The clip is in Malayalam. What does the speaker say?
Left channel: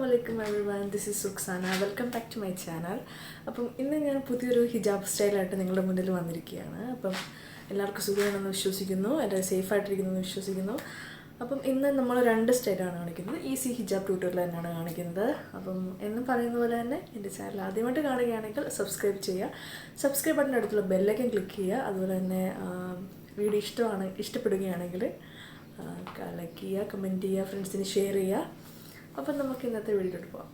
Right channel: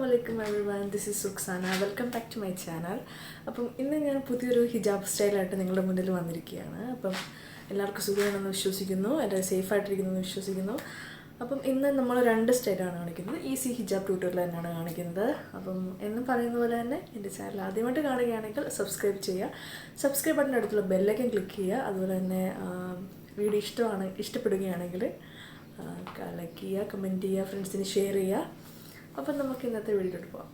Assalamualaikum everyone, this is Ruksana. Welcome back to my channel. അപ്പം ഇന്ന് ഞാൻ പുതിയൊരു ഹിജാബ് സ്റ്റൈലായിട്ട് നിങ്ങളുടെ മുന്നിൽ വന്നിരിക്കുകയാണ്. അപ്പം എല്ലാവർക്കും സുഖമാണെന്ന് വിശ്വസിക്കുന്നു, എല്ലാവരും സേഫായിട്ടിരിക്കുന്നു എന്ന് വിശ്വസിക്കുന്നു. അപ്പം ഇന്ന് നമ്മൾ രണ്ട് സ്റ്റൈലാണ് കാണിക്കുന്നത്. ഈസി ഹിജാബ് ട്യൂട്ടോറിയൽ തന്നെയാണ് കാണിക്കുന്നത്. അപ്പം എന്നും പറയുന്ന പോലെ തന്നെ എൻ്റെ ചാനൽ ആദ്യമായിട്ട് കാണുകയാണെങ്കിൽ സബ്സ്ക്രൈബ് ചെയ്യുക. സബ്സ്ക്രൈബ് ബട്ടൻ്റെ അടുത്തുള്ള ബെല്ലൈക്കൻ ക്ലിക്ക് ചെയ്യുക. അതുപോലെ തന്നെ വീഡിയോ ഇഷ്ടപ്പെടുകയാണെങ്കിൽ ലൈക്ക് ചെയ്യുക, കമൻറ്റ് ചെയ്യുക, ഫ്രണ്ട്സിന് ഷെയർ ചെയ്യുക. അപ്പം നമുക്ക് ഇന്നത്തെ വീഡിയോയിലോട്ട് പോകാം.